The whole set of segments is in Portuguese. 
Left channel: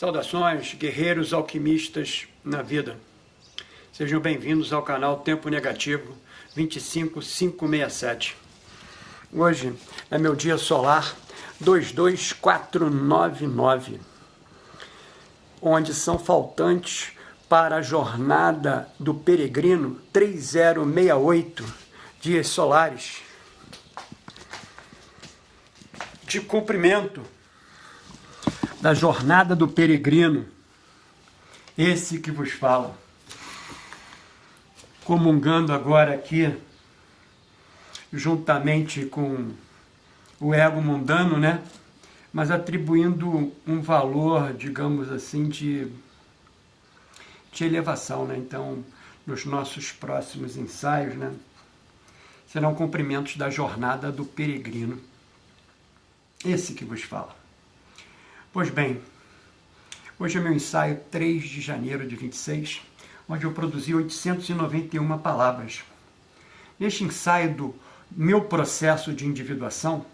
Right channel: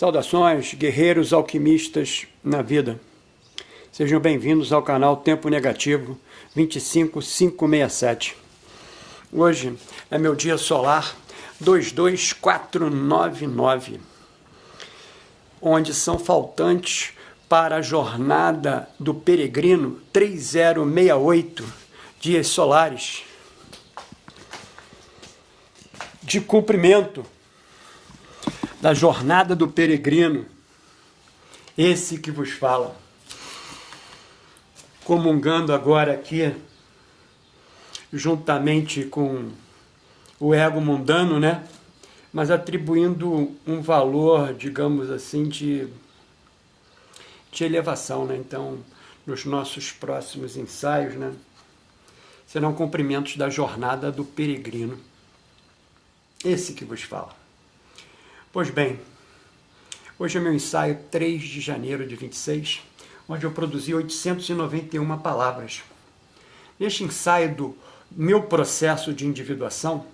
Saudações, guerreiros alquimistas na vida. Sejam bem-vindos ao canal Tempo Negativo 25567. Hoje é meu dia solar 22499, onde são faltantes para a jornada do peregrino 3068 dias solares de cumprimento da jornada do peregrino, esse que vos fala, comungando agora aqui, juntamente com o ego mundano, né? Mas atribuindo um valor, digamos assim, de elevação, né? Então, nos nossos próximos ensaios, né? Serão cumprimentos da jornada do peregrino, esse que vos fala. Pois bem, hoje é meu ensaio 3 de janeiro de 26, onde eu produzi 891 palavras. Neste ensaio do meu processo de individuação,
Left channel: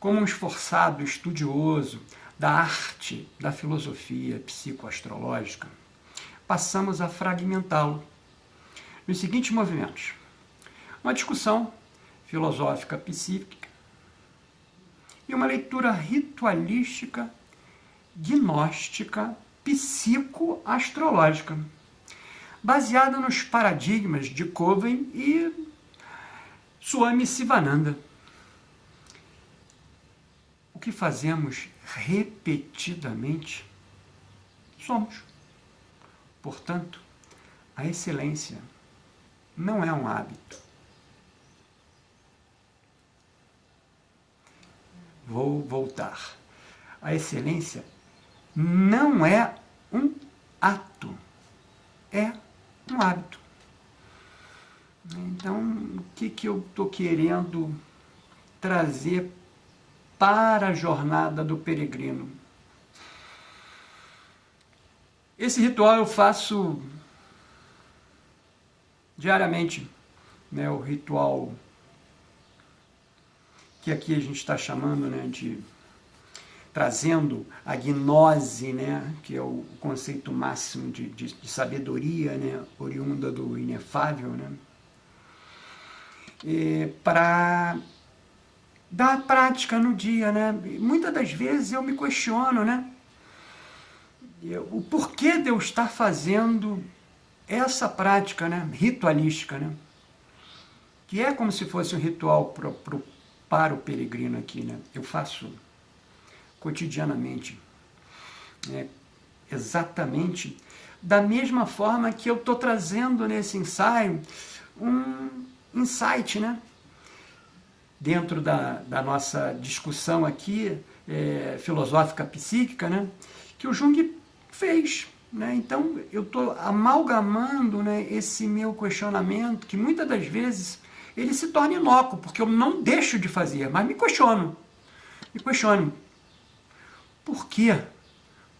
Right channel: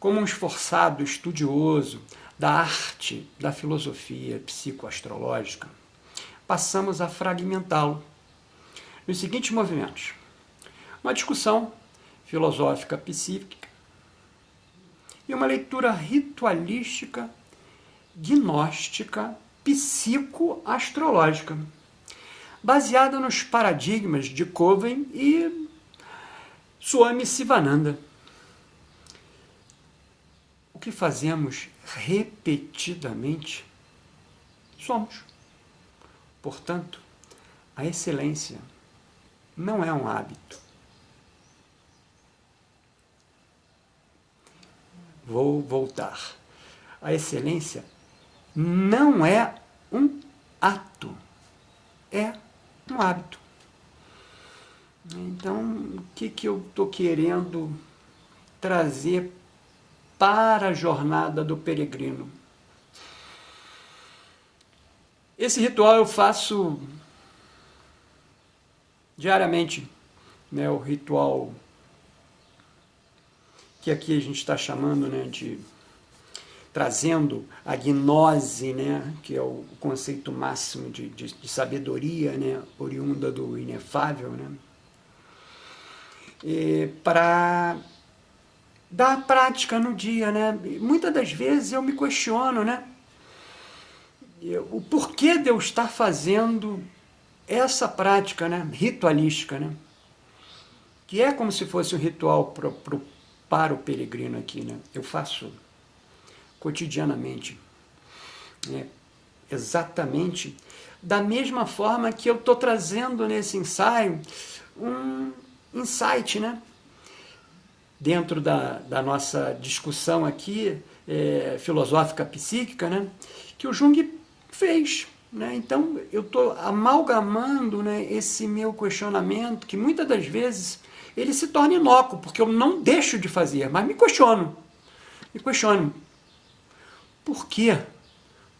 como um esforçado estudioso da arte da filosofia psicoastrológica, passamos a fragmentá-lo nos seguintes movimentos. Uma discussão filosófica psíquica e uma leitura ritualística gnóstica psicoastrológica, baseada nos paradigmas de Coven e Swami Sivananda. O que fazemos repetidamente, somos. Portanto, a excelência não é um hábito. Vou voltar. A excelência não é um ato, é um hábito. Então, o que eu estou querendo trazer para a jornada do peregrino? Esse ritual eu faço diariamente, né? O ritual que aqui a gente está chamando, né, de trazendo a gnose, né, que é o conceito máximo de sabedoria, né, oriunda do inefável, né, para dar prática no dia, né. Muitas das vezes eu me questiono, né, o porquê de eu estar fazendo essa prática, né, ritualística, né, que é como se fosse um ritual para o peregrino aqui, né. Eu faço cotidianamente, né? Exatamente da mesma forma que eu estou trazendo nesse ensaio um insight, né? Dentro da nossa discussão aqui, filosófica psíquica, né? Que o Jung fez, né? Então eu estou amalgamando, né, esse meu questionamento, que muitas das vezes ele se torna inócuo, porque eu não deixo de fazer, mas me questiono. Por quê?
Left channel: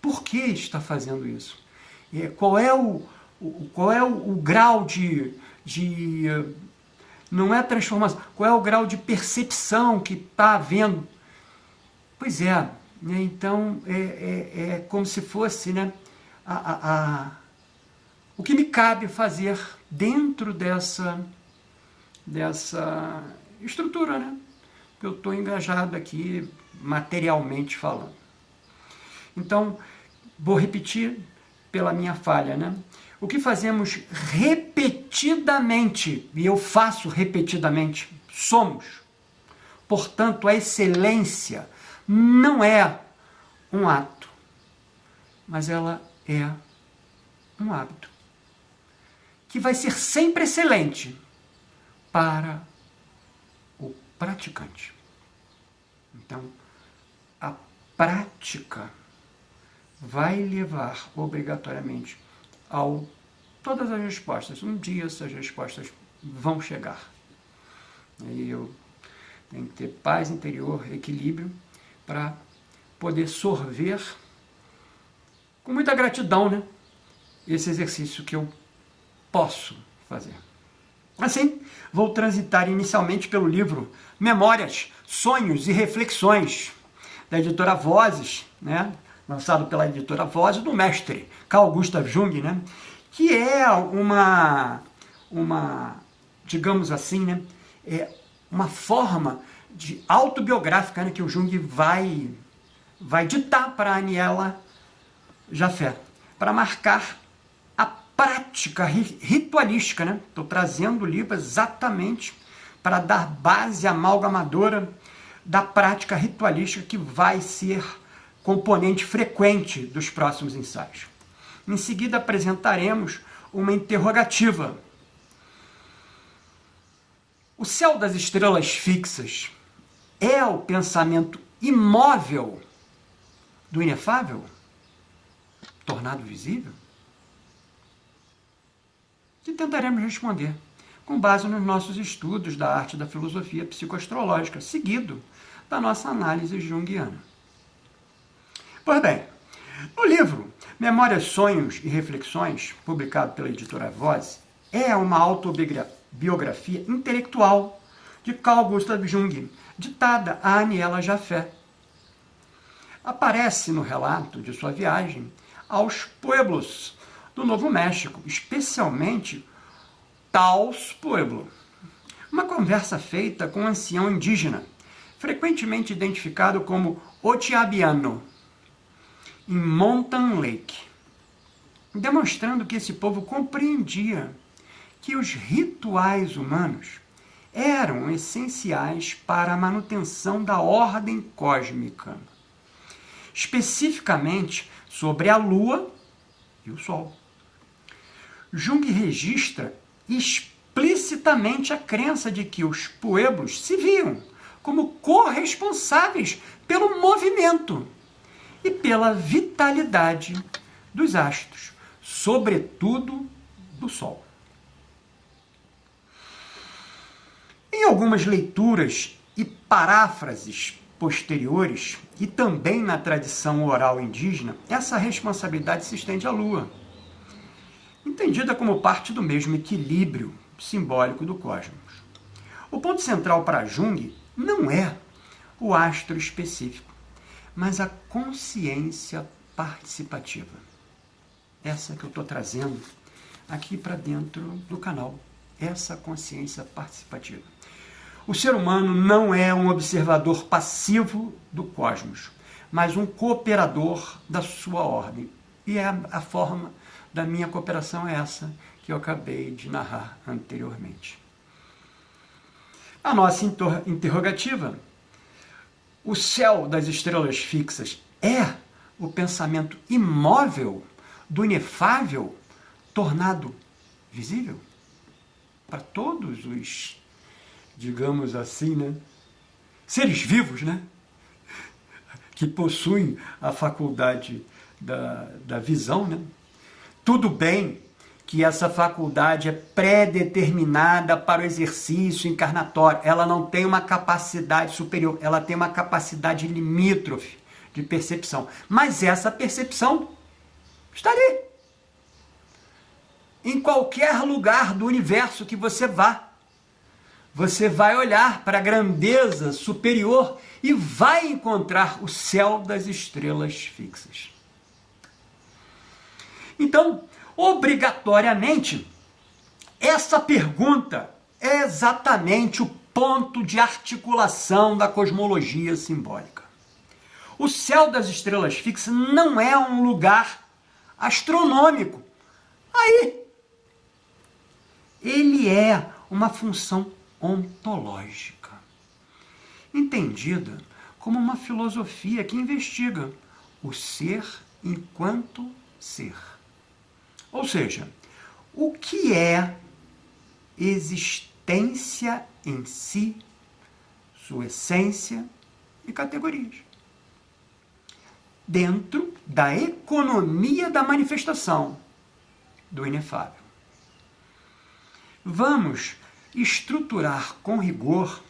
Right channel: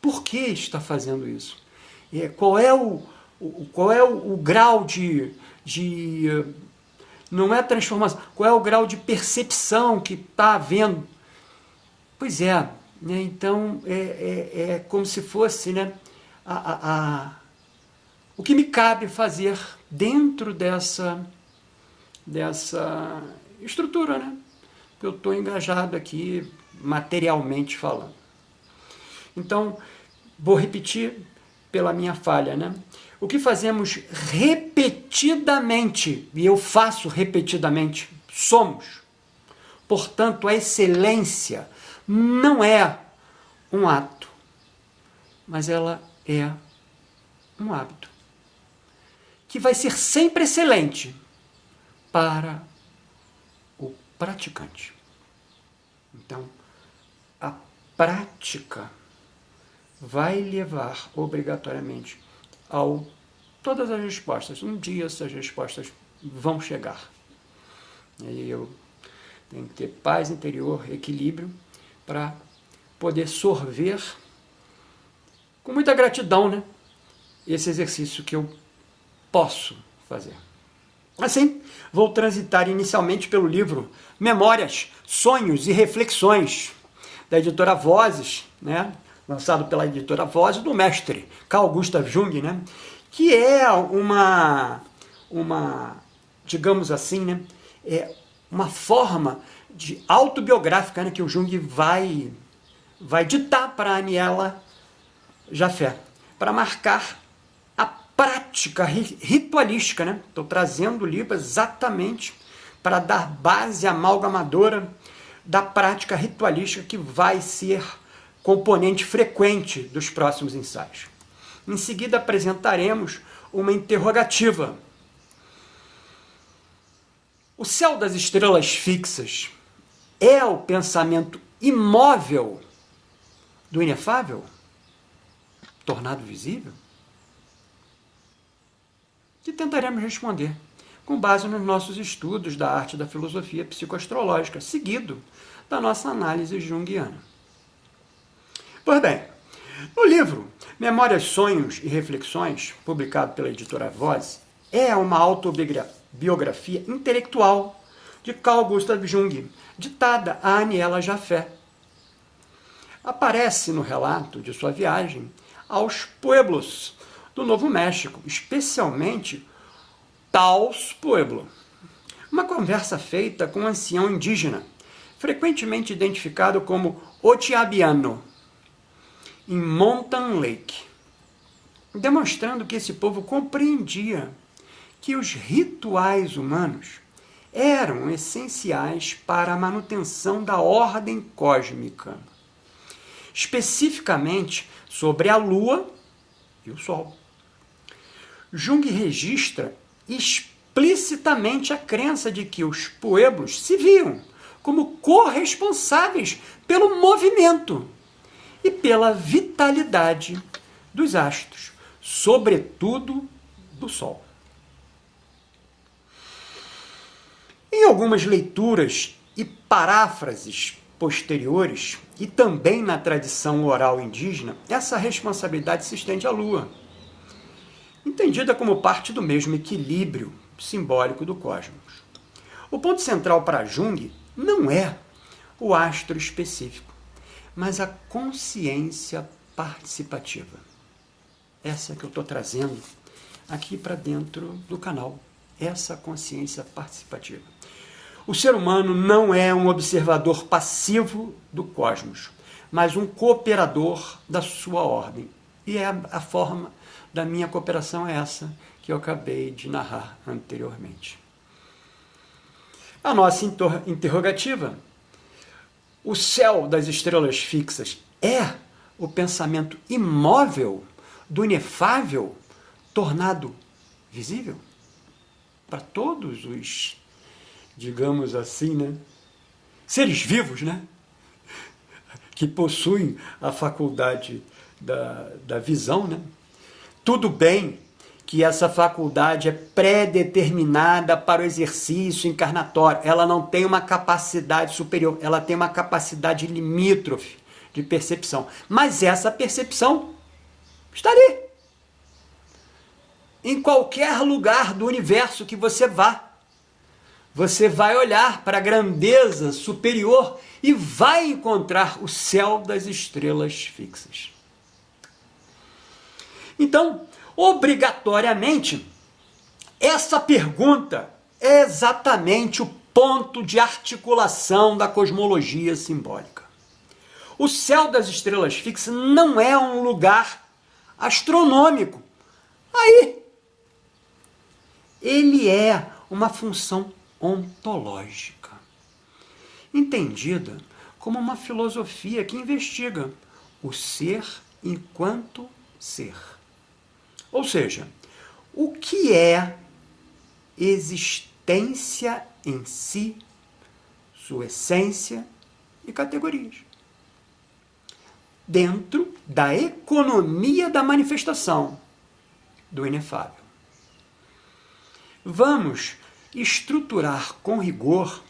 Por que está fazendo isso? Qual é o grau de não é transformação, qual é o grau de percepção que está havendo? Pois é, né? Então é como se fosse, né, o que me cabe fazer dentro dessa estrutura, né, que eu estou engajado aqui, materialmente falando. Então, vou repetir pela minha falha, né? O que fazemos repetidamente, e eu faço repetidamente, somos. Portanto, a excelência não é um ato, mas ela é um hábito, que vai ser sempre excelente para o praticante. Então, a prática vai levar obrigatoriamente a todas as respostas. Um dia essas respostas vão chegar. Aí eu tenho que ter paz interior, equilíbrio, para poder sorver com muita gratidão, né, esse exercício que eu posso fazer. Assim, vou transitar inicialmente pelo livro Memórias, Sonhos e Reflexões, da editora Vozes, né? lançado pela editora Voz, do mestre Carl Gustav Jung, né? Que é uma digamos assim, né? Uma forma de autobiográfica, né? Que o Jung vai ditar para a Aniela Jaffe, para marcar a prática ritualística, né? Estou trazendo o livro exatamente para dar base amalgamadora da prática ritualística que vai ser componente frequente dos próximos ensaios. Em seguida, apresentaremos uma interrogativa. O céu das estrelas fixas é o pensamento imóvel do inefável, tornado visível? E tentaremos responder com base nos nossos estudos da arte da filosofia psicoastrológica, seguido da nossa análise junguiana. Pois bem, no livro Memórias, Sonhos e Reflexões, publicado pela editora Voz, é uma autobiografia intelectual de Carl Gustav Jung, ditada a Aniela Jaffe. Aparece no relato de sua viagem aos pueblos do Novo México, especialmente Taos Pueblo. Uma conversa feita com um ancião indígena, frequentemente identificado como Otiabiano, em Mountain Lake, demonstrando que esse povo compreendia que os rituais humanos eram essenciais para a manutenção da ordem cósmica, especificamente sobre a Lua e o Sol. Jung registra explicitamente a crença de que os pueblos se viam como corresponsáveis pelo movimento e pela vitalidade dos astros, sobretudo do Sol. Em algumas leituras e paráfrases posteriores, e também na tradição oral indígena, essa responsabilidade se estende à Lua, entendida como parte do mesmo equilíbrio simbólico do cosmos. O ponto central para Jung não é o astro específico, mas a consciência participativa. Essa que eu estou trazendo aqui para dentro do canal, essa consciência participativa. O ser humano não é um observador passivo do cosmos, mas um cooperador da sua ordem. E a forma da minha cooperação é essa que eu acabei de narrar anteriormente. A nossa interrogativa: o céu das estrelas fixas é o pensamento imóvel do inefável tornado visível? Para todos os, digamos assim, né, seres vivos, né, que possuem a faculdade da visão, né? Tudo bem que essa faculdade é pré-determinada para o exercício encarnatório, ela não tem uma capacidade superior, ela tem uma capacidade limítrofe de percepção, mas essa percepção está ali. Em qualquer lugar do universo que você vá, você vai olhar para a grandeza superior e vai encontrar o céu das estrelas fixas. Então, obrigatoriamente, essa pergunta é exatamente o ponto de articulação da cosmologia simbólica. O céu das estrelas fixas não é um lugar astronômico. Aí, ele é uma função ontológica, entendida como uma filosofia que investiga o ser enquanto ser. Ou seja, o que é existência em si, sua essência e categorias, dentro da economia da manifestação do inefável. Vamos estruturar com rigor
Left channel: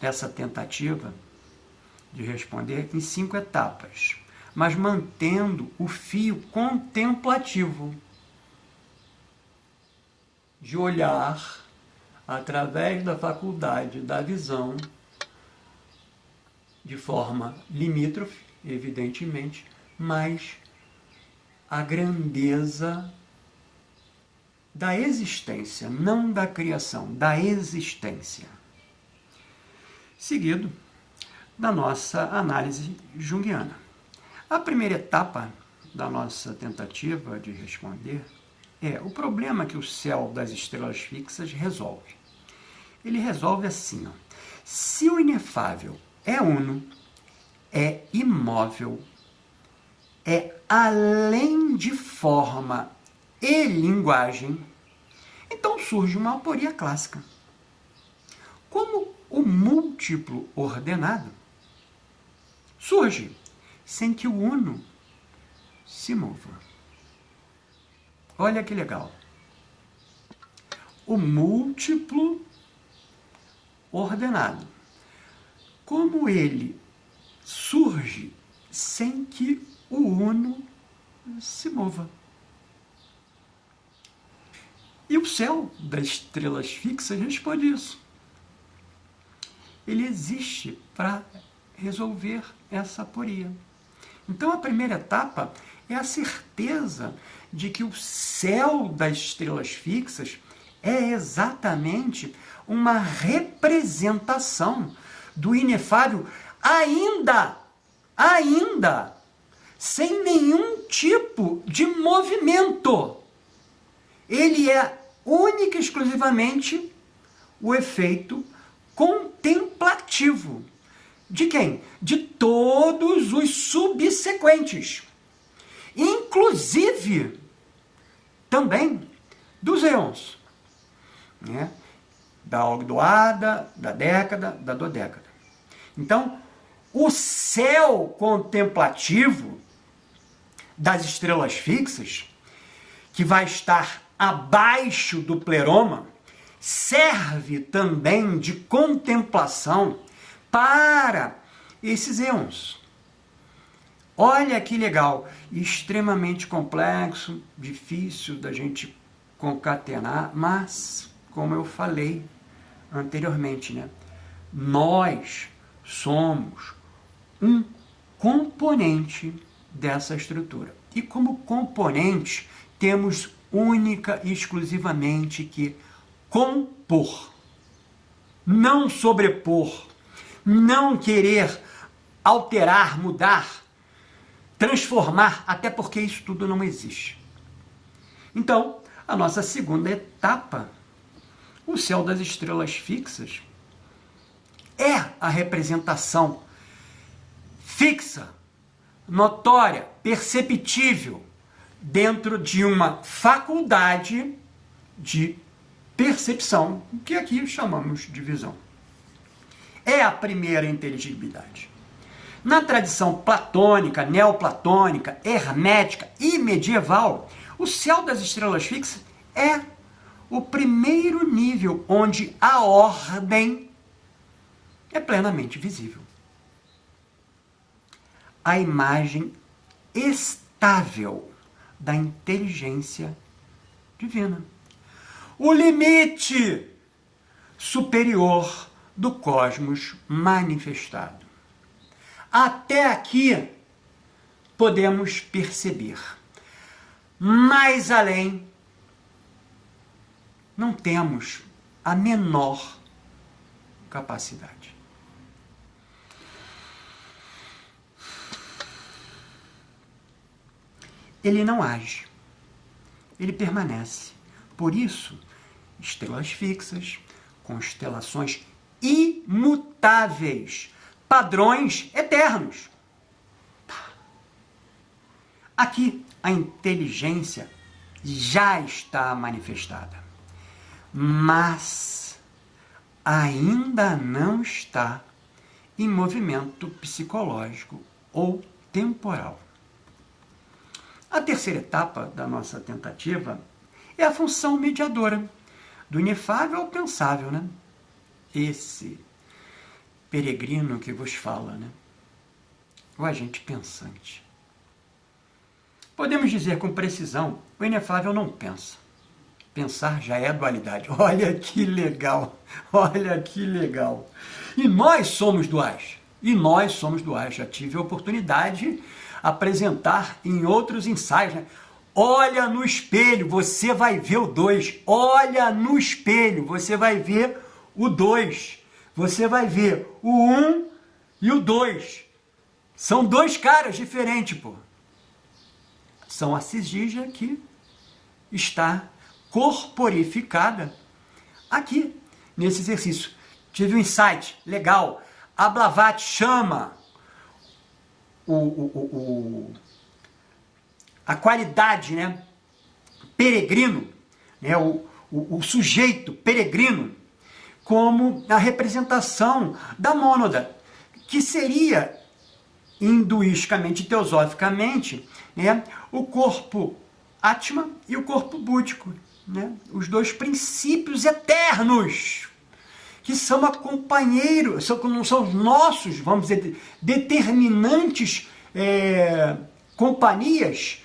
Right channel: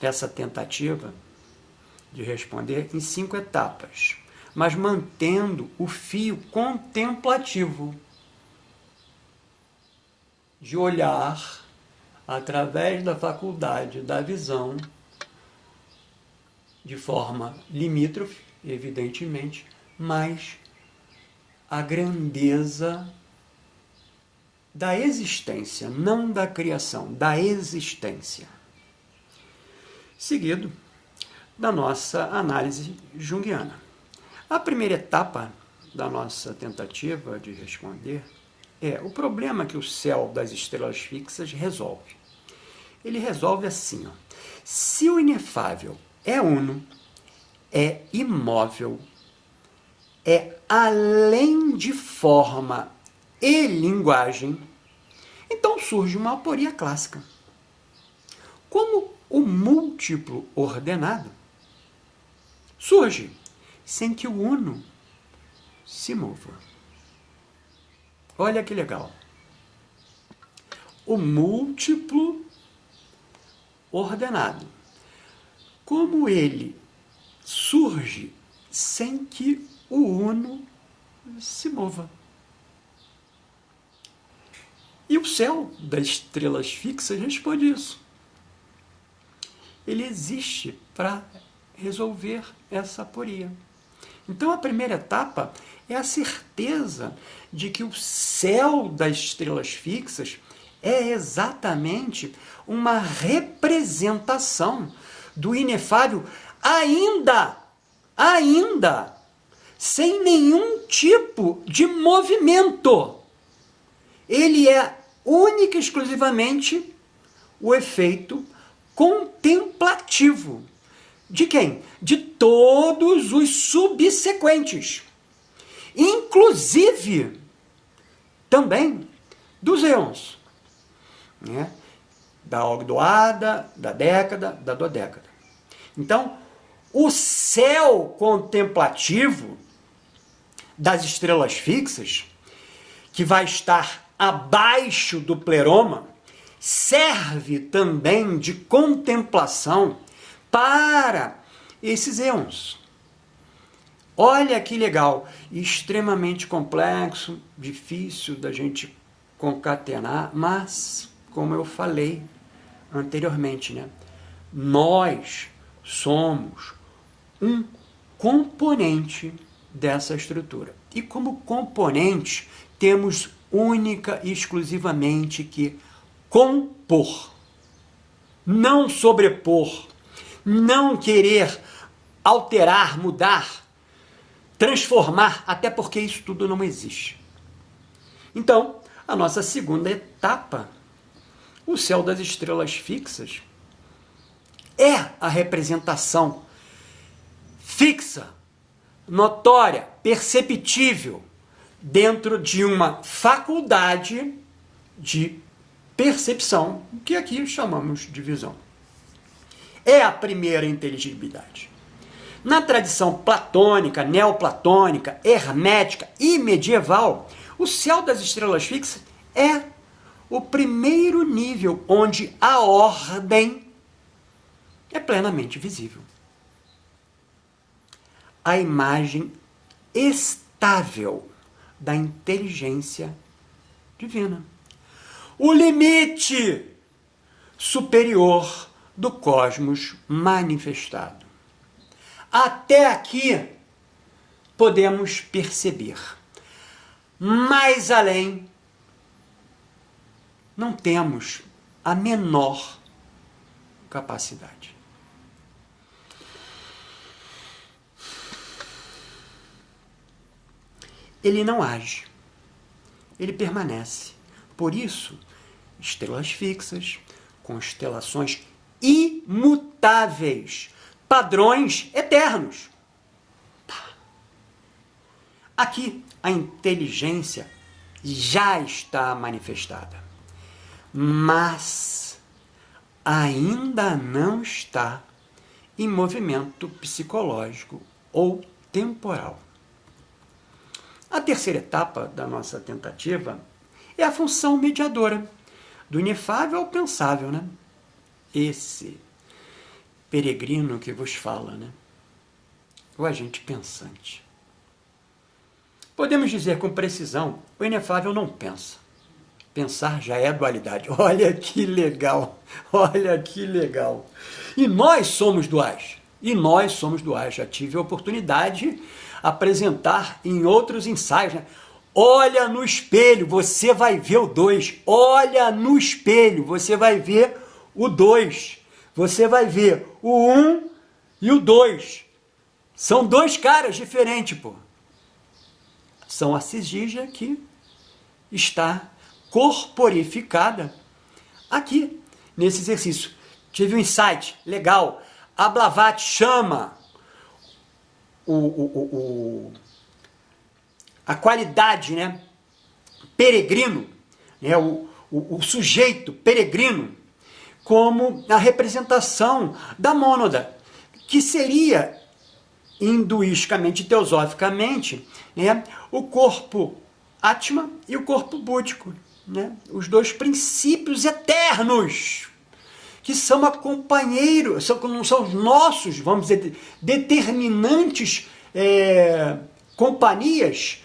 essa tentativa de responder em 5 etapas, mas mantendo o fio contemplativo de olhar através da faculdade da visão de forma limítrofe evidentemente, mas a grandeza da existência, não da criação, da existência. Seguido da nossa análise junguiana. A primeira etapa da nossa tentativa de responder é o problema que o céu das estrelas fixas resolve. Ele resolve assim, ó. Se o inefável é uno, é imóvel, é além de forma e linguagem, então surge uma aporia clássica. Como o múltiplo ordenado surge sem que o uno se mova. Olha que legal. O múltiplo ordenado. Como ele surge sem que o uno se mova. E o céu das estrelas fixas responde isso. Ele existe para resolver essa aporia. Então, a primeira etapa é a certeza de que o céu das estrelas fixas é exatamente uma representação do inefável ainda, sem nenhum tipo de movimento. Ele é única e exclusivamente o efeito contemplativo. De quem? De todos os subsequentes. Inclusive, também dos éons. Né? Da ogdoada, da década, da dodécada. Então, o céu contemplativo das estrelas fixas, que vai estar abaixo do pleroma, serve também de contemplação para esses éons. Olha que legal, extremamente complexo, difícil da gente concatenar, mas, como eu falei anteriormente, né, nós somos um componente dessa estrutura. E como componente, temos única e exclusivamente que compor, não sobrepor, não querer alterar, mudar, transformar, até porque isso tudo não existe. Então, a nossa segunda etapa, o céu das estrelas fixas, é a representação fixa, notória, perceptível, dentro de uma faculdade de percepção, que aqui chamamos de visão. É a primeira inteligibilidade. Na tradição platônica, neoplatônica, hermética e medieval, o céu das estrelas fixas é o primeiro nível onde a ordem é plenamente visível. A imagem estável da inteligência divina. O limite superior do cosmos manifestado. Até aqui podemos perceber. Mais além, não temos a menor capacidade. Ele não age, ele permanece. Por isso, estrelas fixas, constelações imutáveis, padrões eternos. Aqui, a inteligência já está manifestada, mas ainda não está em movimento psicológico ou temporal. A terceira etapa da nossa tentativa é a função mediadora, do inefável ao pensável, né? Esse peregrino que vos fala, né? O agente pensante. Podemos dizer com precisão, o inefável não pensa. Pensar já é dualidade. Olha que legal, olha que legal. E nós somos duais. E nós somos duais. Já tive a oportunidade de apresentar em outros ensaios, né? Olha no espelho, você vai ver o 2. Olha no espelho, você vai ver o 2. Você vai ver o 1 e o 2. São dois caras diferentes, pô. São a Cisgígia que está corporificada aqui, nesse exercício. Tive um insight legal. A Blavatsky chama a qualidade, né, peregrino, né, o sujeito peregrino, como a representação da mônada, que seria, hinduisticamente e teosoficamente, né, o corpo Atma e o corpo búdico, né, os dois princípios eternos, que são companheiros, são os nossos, vamos dizer, determinantes companhias,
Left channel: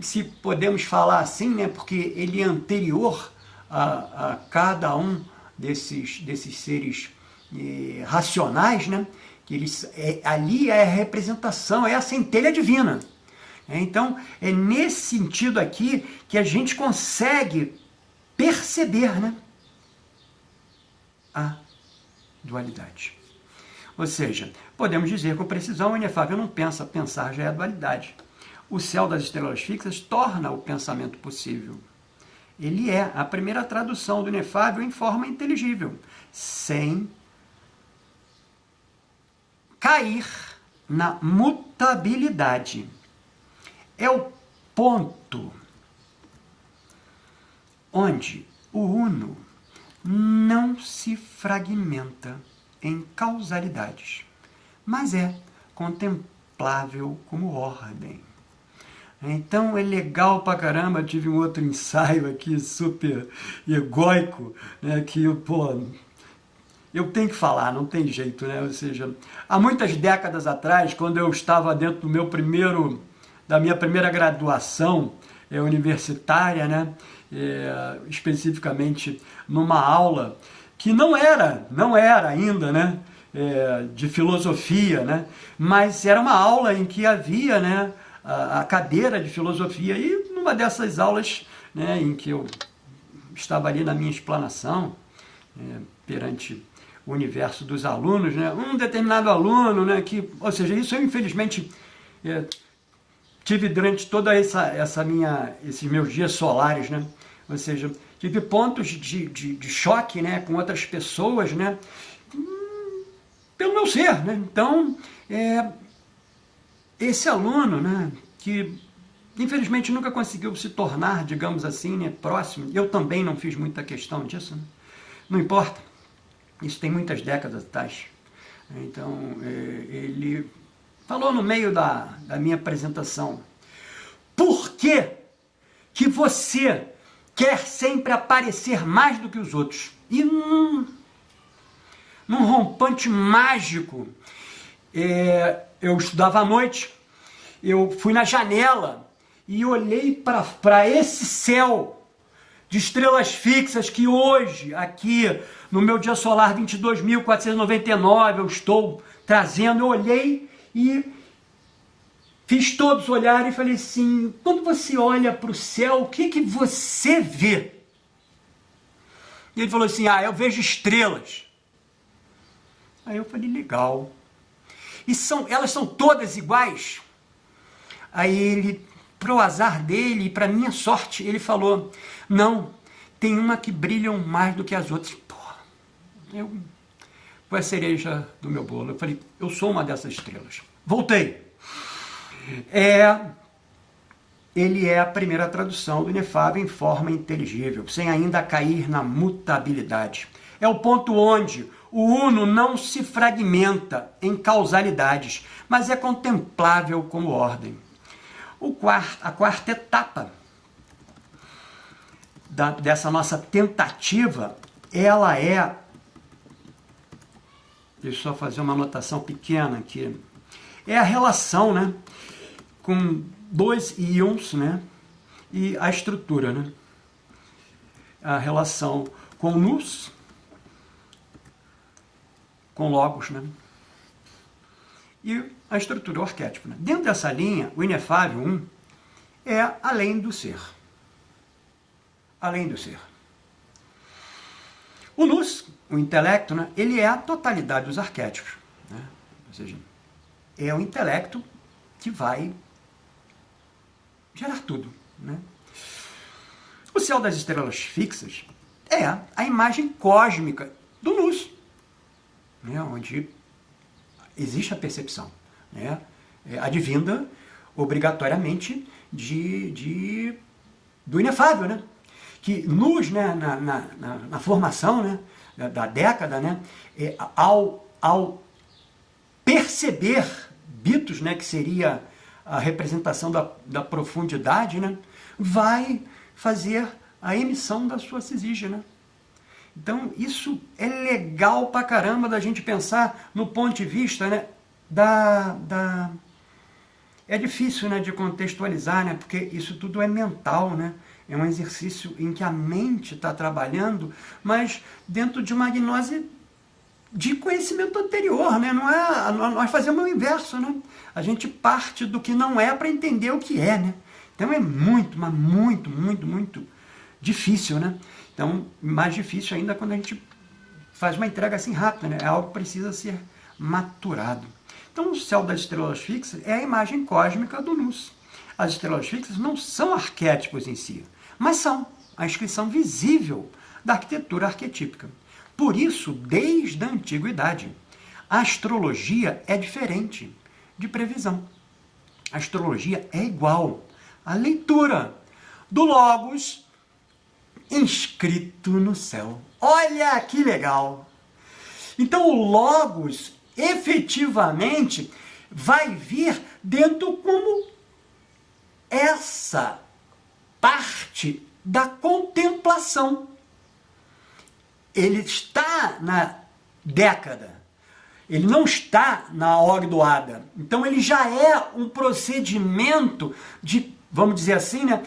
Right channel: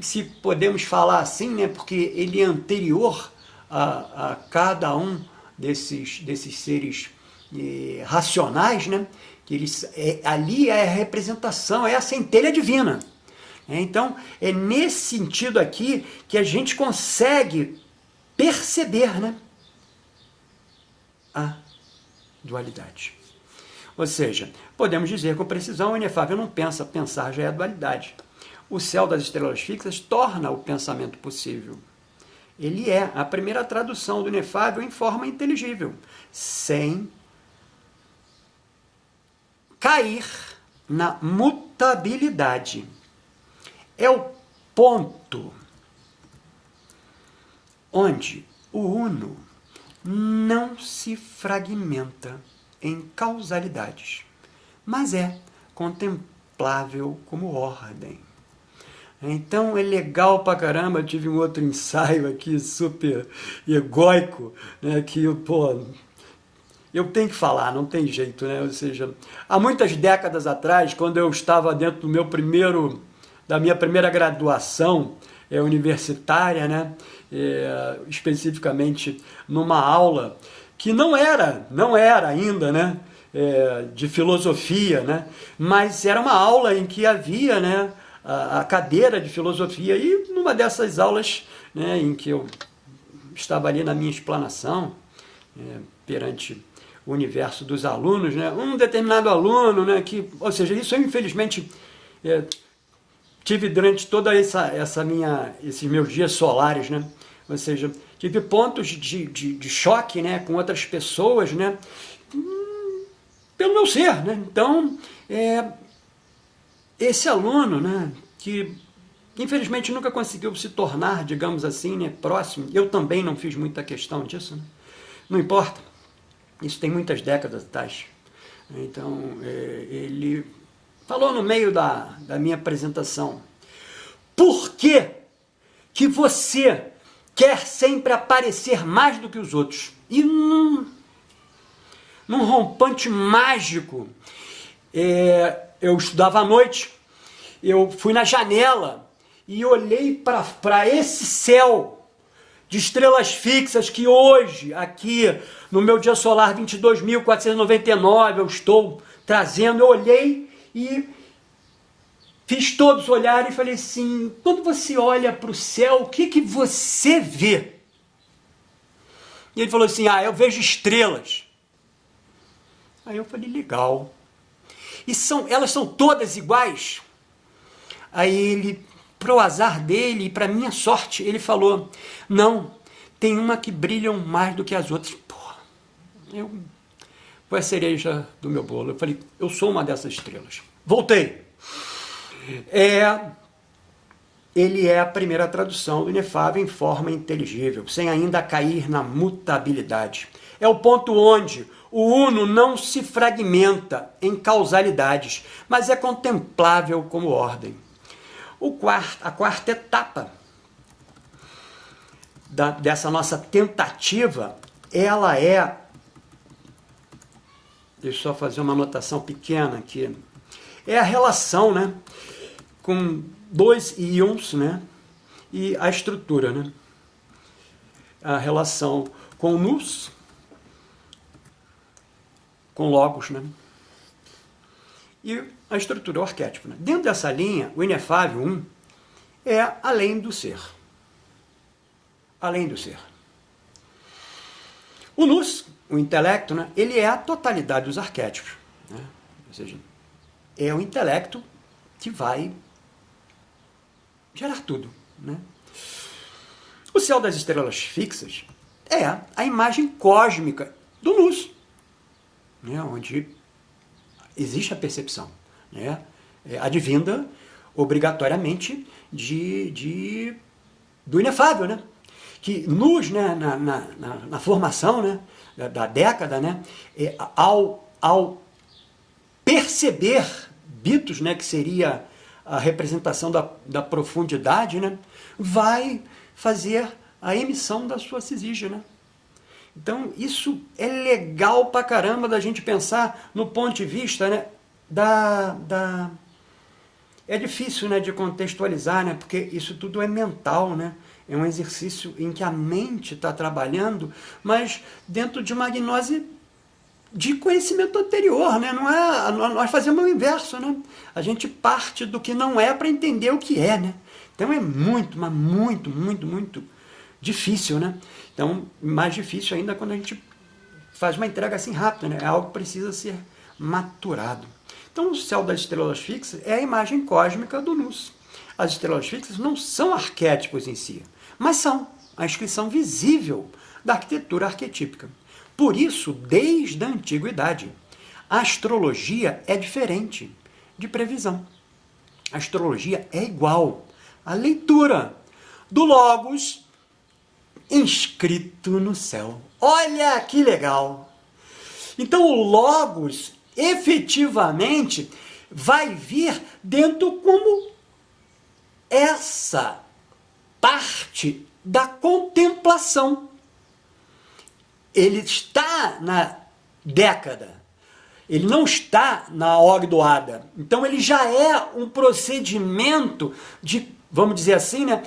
se podemos falar assim, né, porque ele é anterior a cada um desses seres racionais, né, que eles, ali é a representação, é a centelha divina. Então, é nesse sentido aqui que a gente consegue perceber, né, a dualidade. Ou seja, podemos dizer com precisão, o inefável não pensa, pensar já é a dualidade. O céu das estrelas fixas torna o pensamento possível. Ele é a primeira tradução do inefável em forma inteligível, sem cair na mutabilidade. É o ponto onde o uno não se fragmenta em causalidades, mas é contemplável como ordem. Então é legal pra caramba. Eu tive um outro ensaio aqui super egóico, né, que eu tenho que falar, não tem jeito, né? Ou seja, há muitas décadas atrás, quando eu estava dentro da minha primeira graduação universitária, né, especificamente numa aula que não era ainda, né, de filosofia, né, mas era uma aula em que havia, né, a cadeira de filosofia, e numa dessas aulas, né, em que eu estava ali na minha explanação, perante o universo dos alunos, né, um determinado aluno, né, ou seja, isso eu infelizmente tive durante toda esses meus dias solares, né, ou seja, tive pontos de choque, né, com outras pessoas, né, pelo meu ser, né. Então, esse aluno, né, que infelizmente nunca conseguiu se tornar, digamos assim, né, próximo, eu também não fiz muita questão disso, né, não importa, isso tem muitas décadas atrás. Então, ele falou no meio da minha apresentação: por que você quer sempre aparecer mais do que os outros? E num rompante mágico, eu estudava à noite, eu fui na janela e olhei para esse céu de estrelas fixas que hoje, aqui no meu dia solar 22.499, eu estou trazendo. Eu olhei e fiz todos olharem e falei assim: quando você olha para o céu, o que você vê? E ele falou assim: eu vejo estrelas. Aí eu falei: legal. E elas são todas iguais? Aí ele, pro azar dele e para minha sorte, ele falou: não, tem uma que brilham mais do que as outras. Porra, foi a cereja do meu bolo. Eu falei: eu sou uma dessas estrelas. Voltei. Ele é a primeira tradução do inefável em forma inteligível, sem ainda cair na mutabilidade. É o ponto onde o uno não se fragmenta em causalidades, mas é contemplável como ordem. A quarta etapa dessa nossa tentativa, ela é... Deixa eu só fazer uma anotação pequena aqui. É a relação, né, com dois íons, né, e a estrutura, né? A relação com nous, com logos, né? e a estrutura, o arquétipo. Né? Dentro dessa linha, o inefável 1 é além do ser. Além do ser. O nous, o intelecto, né, ele é a totalidade dos arquétipos. Né? Ou seja, é o intelecto que vai gerar tudo. Né? O céu das estrelas fixas é a imagem cósmica do nous, né, onde existe a percepção, né, advinda obrigatoriamente do inefável, né, que nous, né, na formação, né, da década, né, ao perceber Bitos, né, que seria a representação da profundidade, né, vai fazer a emissão da sua cisígia, né? Então, isso é legal pra caramba da gente pensar no ponto de vista, né, É difícil, né, de contextualizar, né, porque isso tudo é mental, né? É um exercício em que a mente está trabalhando, mas dentro de uma gnose de conhecimento anterior, né? Não é, nós fazemos o inverso, né? A gente parte do que não é para entender o que é, né? Então é muito, mas muito, muito, muito difícil, né? Então, mais difícil ainda quando a gente faz uma entrega assim rápida, né? É algo que precisa ser maturado. Então, o céu das estrelas fixas é a imagem cósmica do nous. As estrelas fixas não são arquétipos em si, mas são a inscrição visível da arquitetura arquetípica. Por isso, desde a antiguidade, a astrologia é diferente de previsão. A astrologia é igual à leitura do Logos inscrito no céu. Olha que legal! Então, o Logos efetivamente vai vir dentro como essa parte da contemplação. Ele está na década, ele não está na ordoada. Então ele já é um procedimento de, vamos dizer assim, né,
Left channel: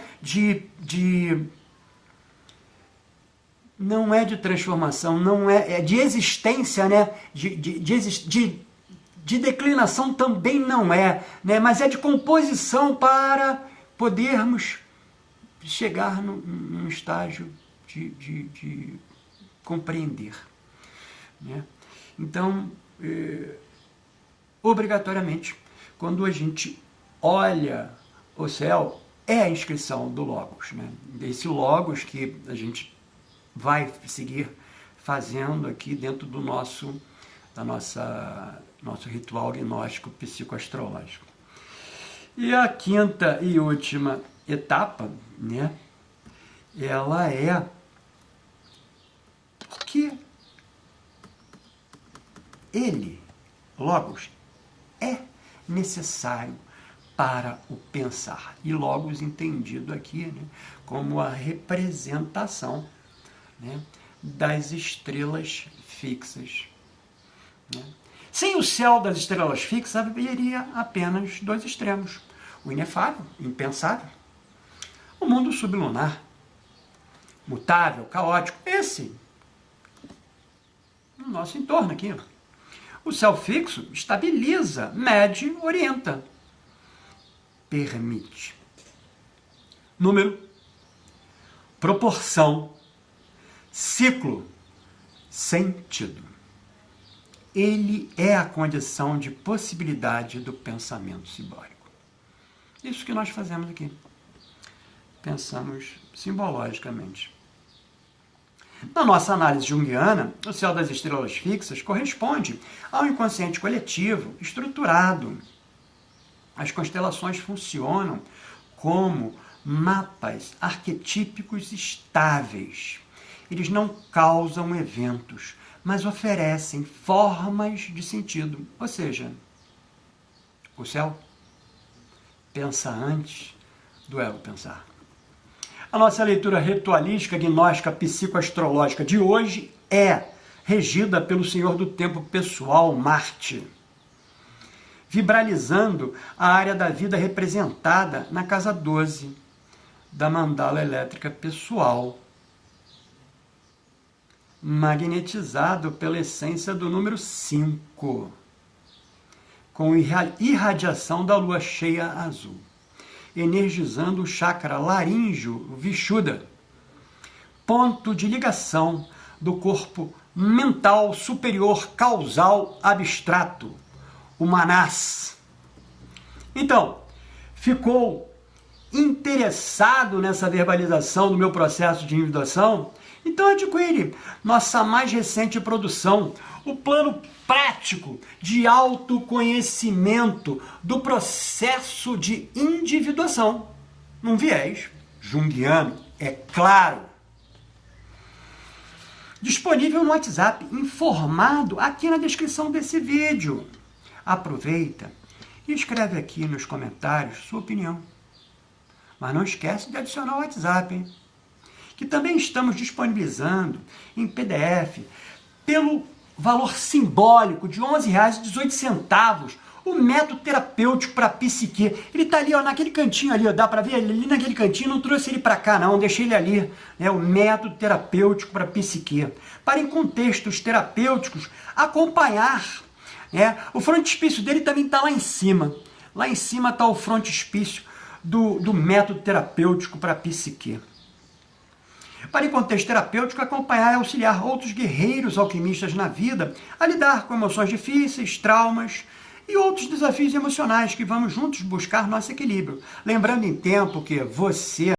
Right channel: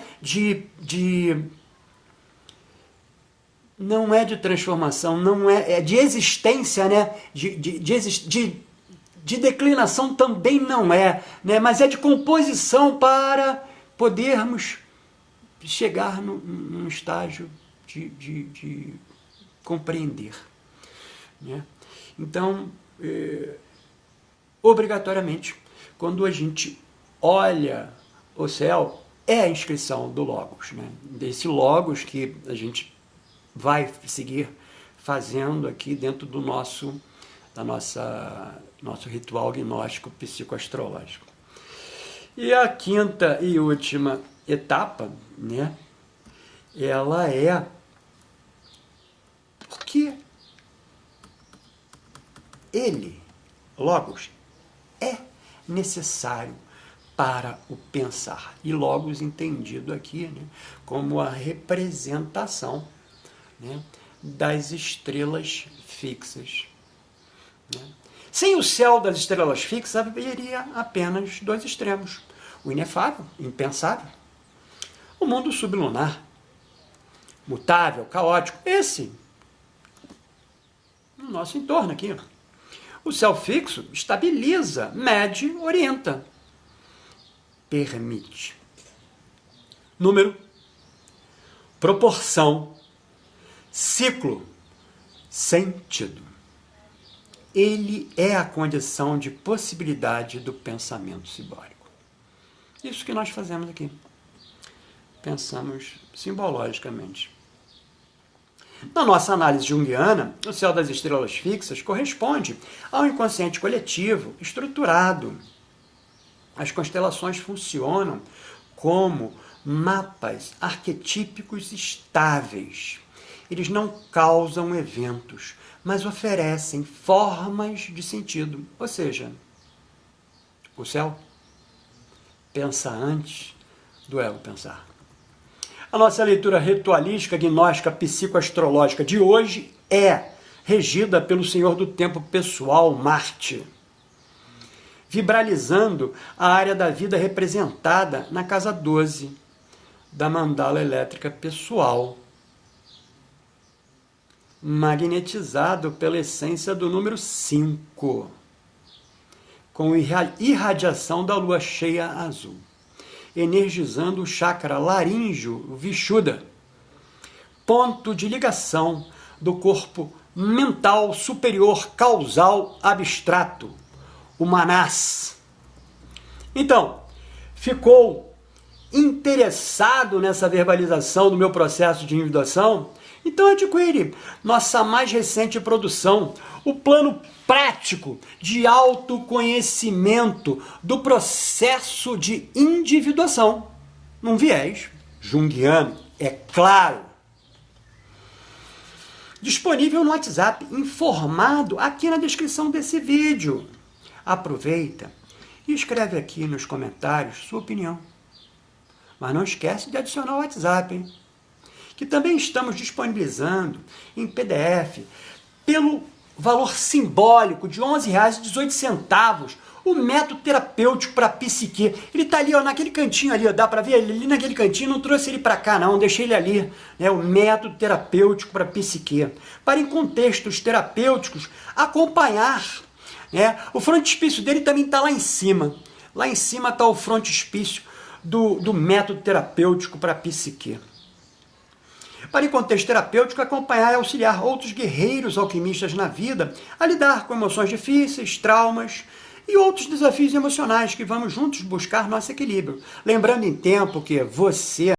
não é de transformação, não é de existência, né, de declinação também não é, né, mas é de composição para podermos chegar num estágio de compreender. Né? Então, obrigatoriamente, quando a gente olha o céu, é a inscrição do Logos. Né? Desse Logos que a gente vai seguir fazendo aqui dentro do nosso ritual gnóstico psicoastrológico. E a quinta e última etapa, né, ela é porque ele, Logos, é necessário para o pensar. E Logos entendido aqui, né, como a representação, né, das estrelas fixas. Né? Sem o céu das estrelas fixas, haveria apenas dois extremos. O inefável, impensável. O mundo sublunar, mutável, caótico. Esse, no nosso entorno aqui. O céu fixo estabiliza, mede, orienta. Permite. Número, proporção, ciclo, sentido. Ele é a condição de possibilidade do pensamento simbólico. Isso que nós fazemos aqui. Pensamos simbologicamente. Na nossa análise junguiana, o céu das estrelas fixas corresponde ao inconsciente coletivo estruturado. As constelações funcionam como mapas arquetípicos estáveis. Eles não causam eventos, mas oferecem formas de sentido. Ou seja, o céu pensa antes do ego pensar. A nossa leitura ritualística, gnóstica, psicoastrológica de hoje é regida pelo Senhor do Tempo pessoal, Marte, vibralizando a área da vida representada na casa 12 da mandala elétrica pessoal, magnetizado pela essência do número 5. com irradiação da lua cheia azul, energizando o chakra laríngeo Vishuddha, ponto de ligação do corpo mental superior causal abstrato, o Manas. Então, ficou interessado nessa verbalização do meu processo de individuação? Então adquire nossa mais recente produção, o plano prático de autoconhecimento do processo de individuação, num viés junguiano, é claro. Disponível no WhatsApp, informado aqui na descrição desse vídeo. Aproveita e escreve aqui nos comentários sua opinião. Mas não esquece de adicionar o WhatsApp, hein? Que também estamos disponibilizando em PDF, pelo valor simbólico de R$ 11,18, o método terapêutico para psique. Ele está ali, ó, naquele cantinho ali, ó, dá para ver ele ali naquele cantinho, não trouxe ele para cá não, deixei ele ali, né, o método terapêutico para psique. Para em contextos terapêuticos acompanhar, né, o frontispício dele também está lá em cima está o frontispício do método terapêutico para psique. Para, em contexto terapêutico, acompanhar e auxiliar outros guerreiros alquimistas na vida a lidar com emoções difíceis, traumas e outros desafios emocionais que vamos juntos buscar nosso equilíbrio. Lembrando em tempo que você